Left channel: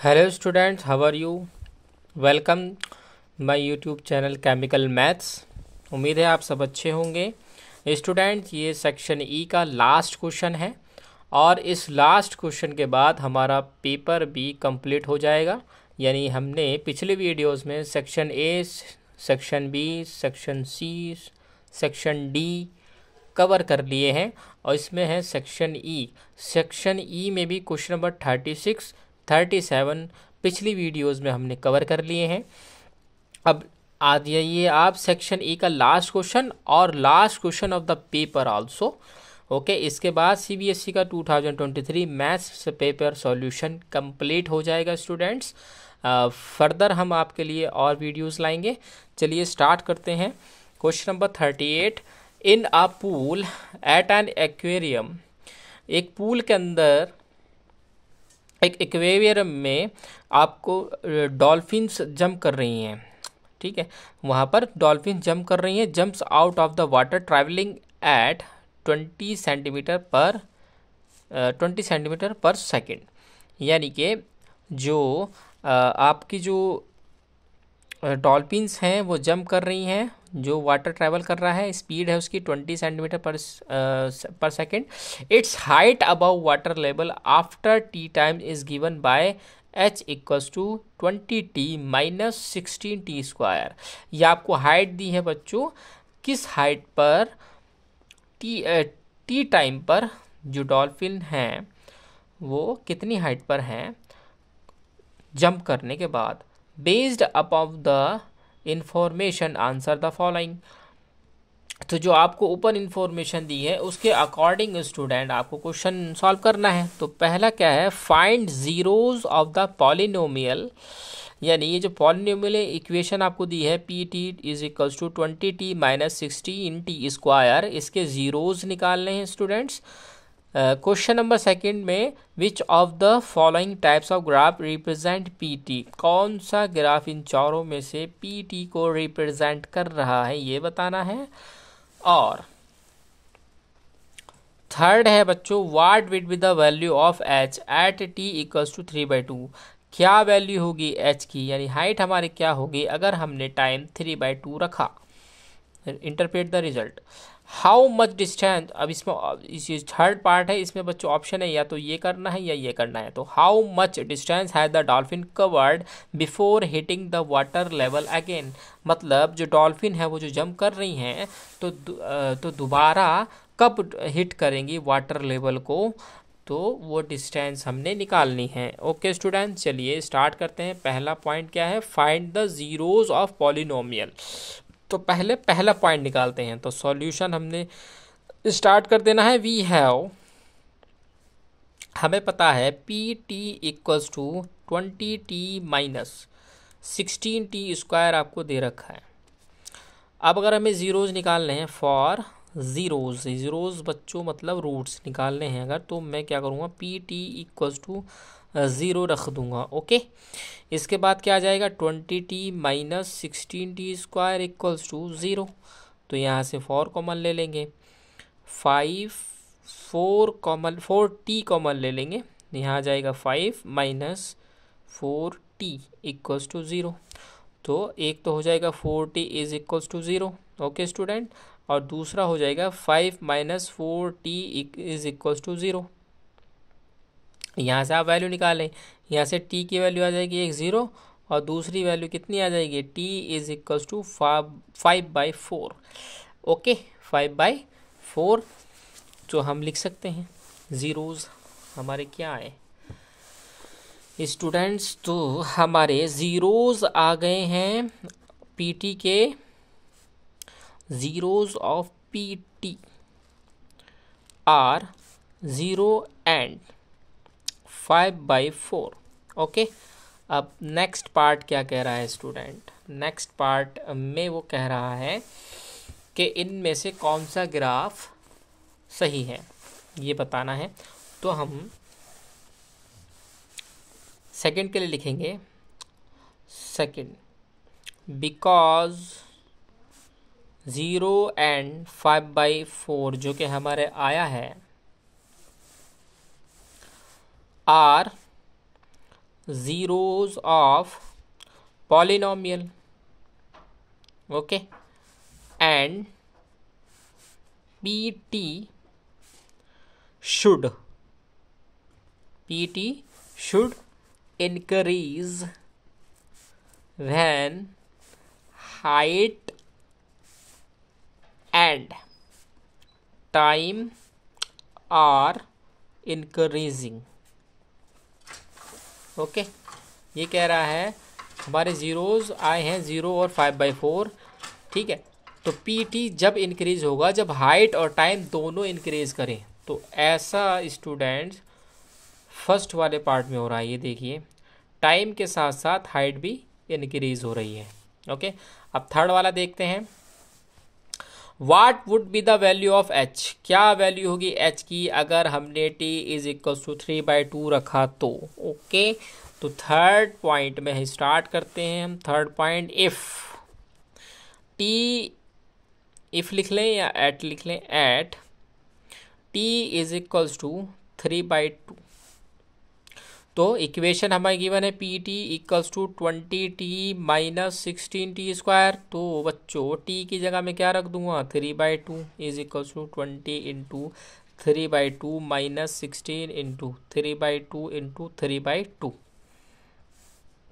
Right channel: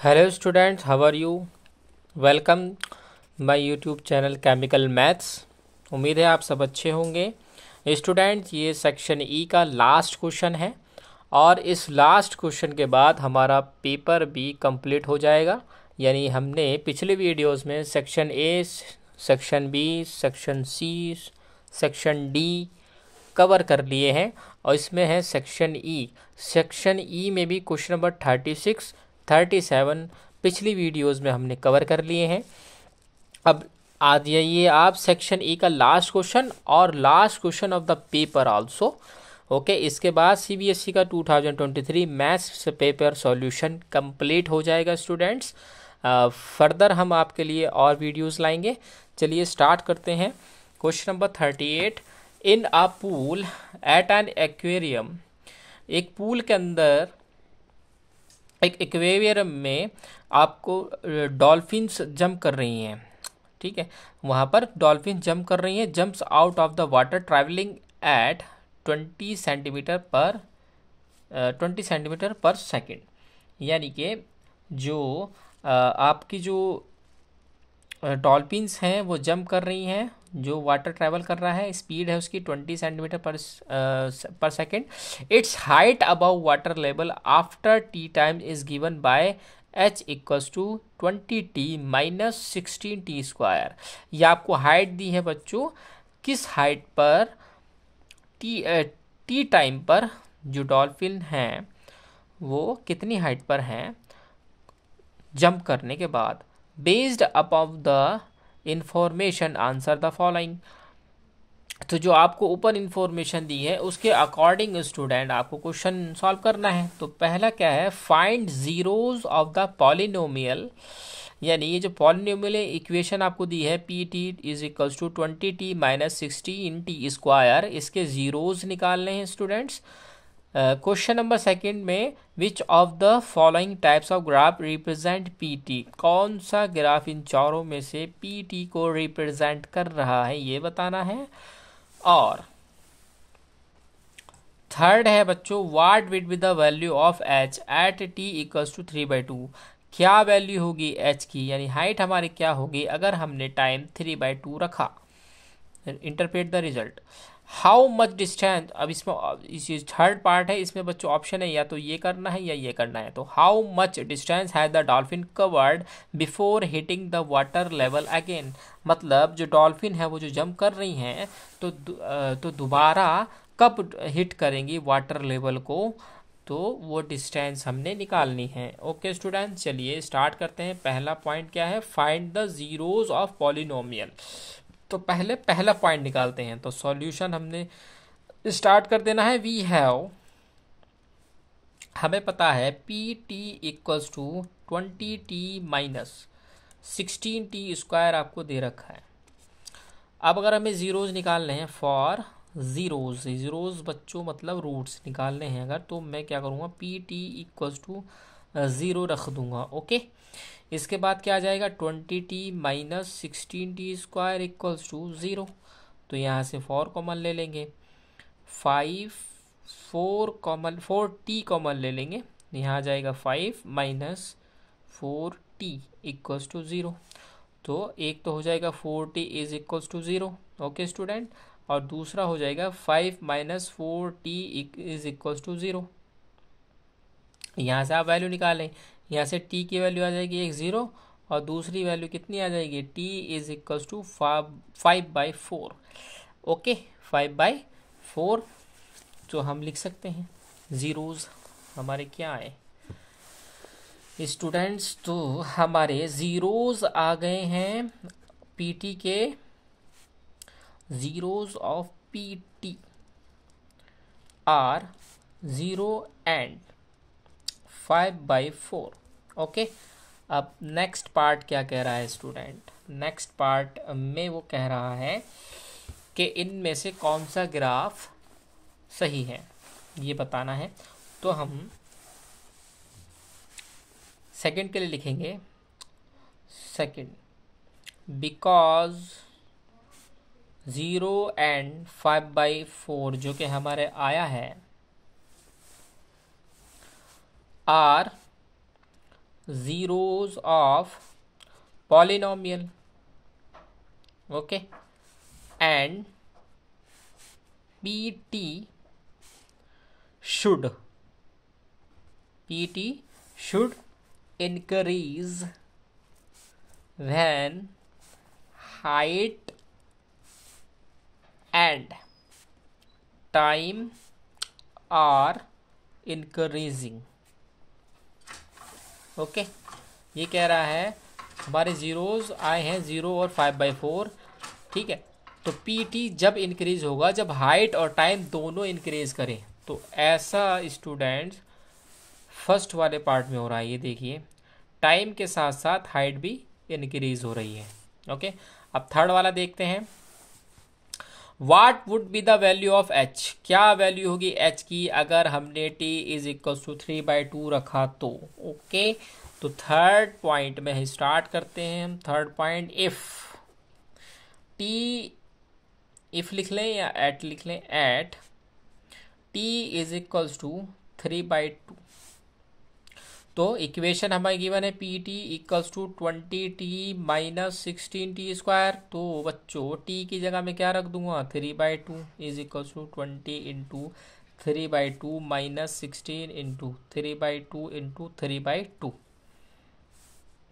Hello students, how are you? Welcome my YouTube channel chemical maths. उम्मीद है आप सब अच्छे होंगे। स्टूडेंट्स, ये सेक्शन ई का लास्ट क्वेश्चन है और इस लास्ट क्वेश्चन के बाद हमारा पेपर भी कंप्लीट हो जाएगा। यानी हमने पिछले वीडियोस में section A, section B, section C, section D cover कर लिए हैं और इसमें है सेक्शन ई। सेक्शन ई में भी क्वेश्चन नंबर 36, 37 पिछली वीडियोस में हमने कवर कर लिए हैं। अब आ जाइए आप सेक्शन ई का लास्ट क्वेश्चन और last question of the paper also. Okay, इसके बाद सीबीएसई का 2023 मैथ्स पेपर सॉल्यूशन कंप्लीट हो जाएगा स्टूडेंट्स। फर्दर हम आपके लिए और वीडियोस लाएंगे। चलिए स्टार्ट करते हैं। Question number 38, in a pool at an aquarium. एक पूल के अंदर, एक एक्वेरियम में आपको डॉल्फिन्स जंप कर रही हैं। ठीक है, वहाँ पर डॉल्फिन जंप कर रही हैं। Jumps out of the water travelling eight 20 centimetre per second. यानी कि जो आपकी जो डॉल्फिन्स हैं वो जंप कर रही हैं, जो वाटर ट्रैवल कर रहा है, स्पीड है उसकी 20 centimetre per second. Its height above water level after t time is given by h equals to 20t minus 16t square. ये आपको हाइट दी है बच्चों, किस हाइट पर टी टाइम पर जो डॉल्फिन हैं वो कितनी हाइट पर हैं जंप करने के बाद। Based upon the information answer the following. तो जो आपको ओपन इंफॉर्मेशन दी है उसके अकॉर्डिंग स्टूडेंट आपको क्वेश्चन सॉल्व करना है। तो पहला क्या है, find zeros of the polynomial. यानी ये जो पॉलिनोमियल इक्वेशन आपको दी है p t is equals to 20t minus 16t square, इसके जीरोज निकालने हैं स्टूडेंट्स। क्वेश्चन नंबर सेकंड में which of the following types of graph represent PT. कौन सा ग्राफ इन चारों में से पीटी को रिप्रेजेंट कर रहा है ये बताना है। और थर्ड है बच्चों, what will be the value of h at t equals to 3/2। क्या वैल्यू होगी एच की, यानी हाइट हमारी क्या होगी अगर हमने टाइम 3/2 रखा। Interpret the result. How much distance, अब इसमें इस थर्ड पार्ट है, इसमें बच्चों ऑप्शन है या तो ये करना है या ये करना है। तो how much distance has the dolphin covered before hitting the water level again. मतलब जो डॉल्फिन है वो जो जंप कर रही हैं तो दोबारा कब हिट करेंगी वाटर लेवल को, तो वो डिस्टेंस हमने निकालनी है। ओके स्टूडेंट, चलिए स्टार्ट करते हैं। पहला पॉइंट क्या है, find the zeros of polynomial. तो पहले पहला पॉइंट निकालते हैं। तो सॉल्यूशन हमने स्टार्ट कर देना है। वी हैव, हमें पता है p t equals to 20t minus 16t square आपको दे रखा है। अब अगर हमें जीरोज निकालने हैं, फॉर जीरोज बच्चों मतलब रूट्स निकालने हैं अगर, तो मैं क्या करूँगा, पी टी इक्वल्स टू 0 रख दूंगा। ओके, इसके बाद क्या आ जाएगा, 20t minus 16t square equals to 0। तो यहाँ से 4 कॉमन ले लेंगे, 4t कॉमन ले लेंगे, यहाँ आ जाएगा 5 माइनस 4t इक्वल्स टू 0। तो एक तो हो जाएगा 4t is equals to 0। Okay student, और दूसरा हो जाएगा 5 minus 4t is equals to 0। यहाँ से आप वैल्यू निकालें, यहाँ से t की वैल्यू आ जाएगी 0 और दूसरी वैल्यू कितनी आ जाएगी, t is equals to 5/4। Okay, 5/4 जो हम लिख सकते हैं। जीरोज हमारे क्या आए स्टूडेंट्स, तो हमारे जीरोज आ गए हैं पीटी के। Zeros of p t are 0 and 5/4। Okay, अब नेक्स्ट पार्ट क्या कह रहा है स्टूडेंट, नेक्स्ट पार्ट में वो कह रहा है कि इनमें से कौन सा ग्राफ सही है ये बताना है। तो हम सेकंड के लिए लिखेंगे, सेकंड बिकॉज 0 एंड 5/4 जो कि हमारे आया है are zeros of polynomial, okay, and pt should increase when height and time are increasing, okay. ये कह रहा है हमारे ज़ीरोज़ आए हैं 0 और 5/4, ठीक है। तो पीटी जब इंक्रीज होगा जब हाइट और टाइम दोनों इंक्रीज करें। तो ऐसा स्टूडेंट्स फर्स्ट वाले पार्ट में हो रहा है, ये देखिए टाइम के साथ साथ हाइट भी इंक्रीज हो रही है, ओके। अब थर्ड वाला देखते हैं। What would be the value of h? क्या वैल्यू होगी h की अगर हमने t इज इक्वल टू 3/2 रखा तो, ओके। तो थर्ड पॉइंट में स्टार्ट करते हैं हम। थर्ड पॉइंट, इफ लिख लें या एट लिख लें, at t is equal to 3/2। तो इक्वेशन हमारी गिवन है p t equals to 20t minus 16t²। तो बच्चों t की जगह में क्या रख दूंगा, 3/2 is equals to 20 into 3/2 minus 16 into 3/2 into 3/2।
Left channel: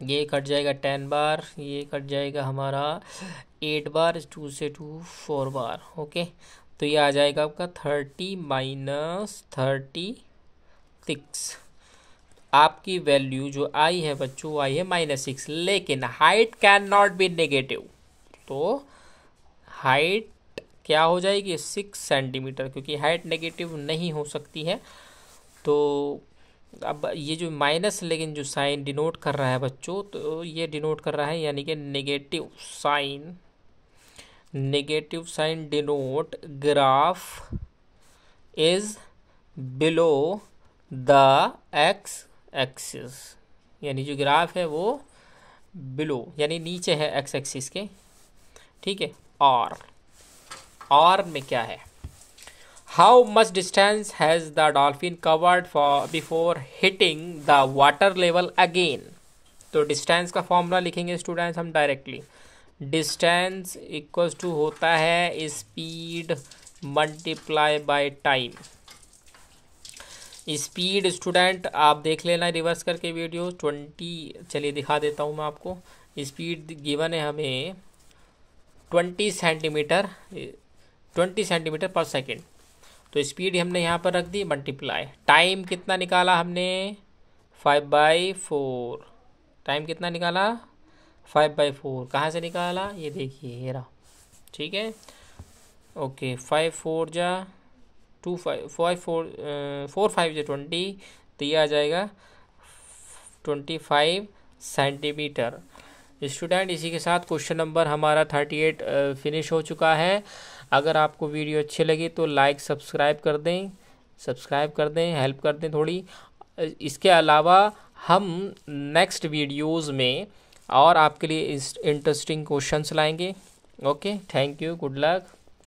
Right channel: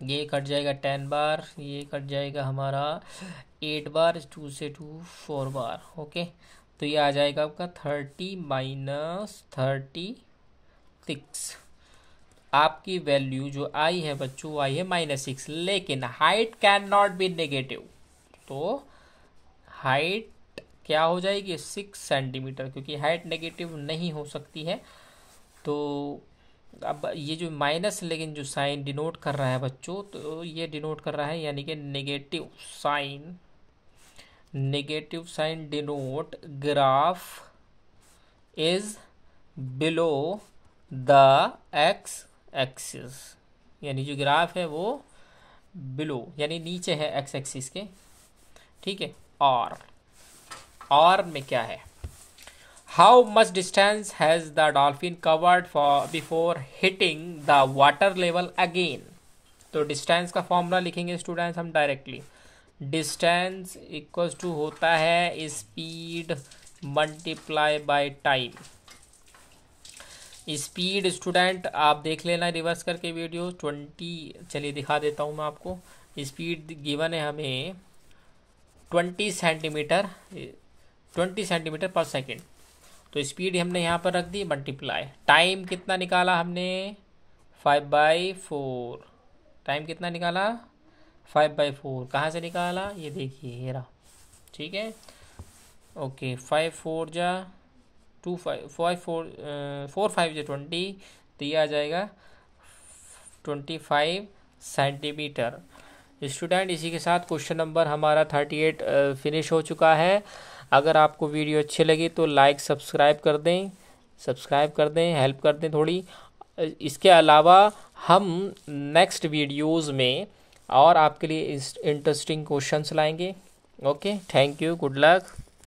ये कट जाएगा 10 बार, ये कट जाएगा हमारा 8 बार, 2 से 2 4 बार, ओके। तो ये आ जाएगा आपका 30 माइनस 36। आपकी वैल्यू जो आई है बच्चों आई है -6, लेकिन height can not be negative. तो हाइट क्या हो जाएगी 6 सेंटीमीटर, क्योंकि हाइट नेगेटिव नहीं हो सकती है। तो अब ये जो माइनस लेकिन जो साइन डिनोट कर रहा है बच्चों, तो ये डिनोट कर रहा है यानी कि negative sign denote graph is below the x axis, यानी जो ग्राफ है वो बिलो यानी नीचे है एक्स एक्सिस के, ठीक है। और में क्या है, how much distance has the dolphin covered for before hitting the water level again. तो डिस्टेंस का फॉर्मूला लिखेंगे स्टूडेंट्स हम डायरेक्टली। डिस्टेंस इक्वल्स टू होता है speed multiply by time. Speed student आप देख लेना रिवर्स करके वीडियो 20, चलिए दिखा देता हूँ मैं आपको। स्पीड गिवन है हमें 20 सेंटीमीटर पर सेकेंड। तो स्पीड हमने यहाँ पर रख दी मल्टीप्लाई। टाइम कितना निकाला हमने 5/4। टाइम कितना निकाला 5/4। कहाँ से निकाला, ये देखिए ये रहा, ठीक है, ओके। 5 4 जा 2 5 4 5 जो 20, तो ये आ जाएगा 25 सेंटीमीटर। स्टूडेंट इसी के साथ क्वेश्चन नंबर हमारा 38 फिनिश हो चुका है। अगर आपको वीडियो अच्छी लगी तो लाइक सब्सक्राइब कर दें, हेल्प कर दें थोड़ी। इसके अलावा हम नेक्स्ट वीडियोस में और आपके लिए इंटरेस्टिंग क्वेश्चंस लाएंगे, okay. Thank you, good luck.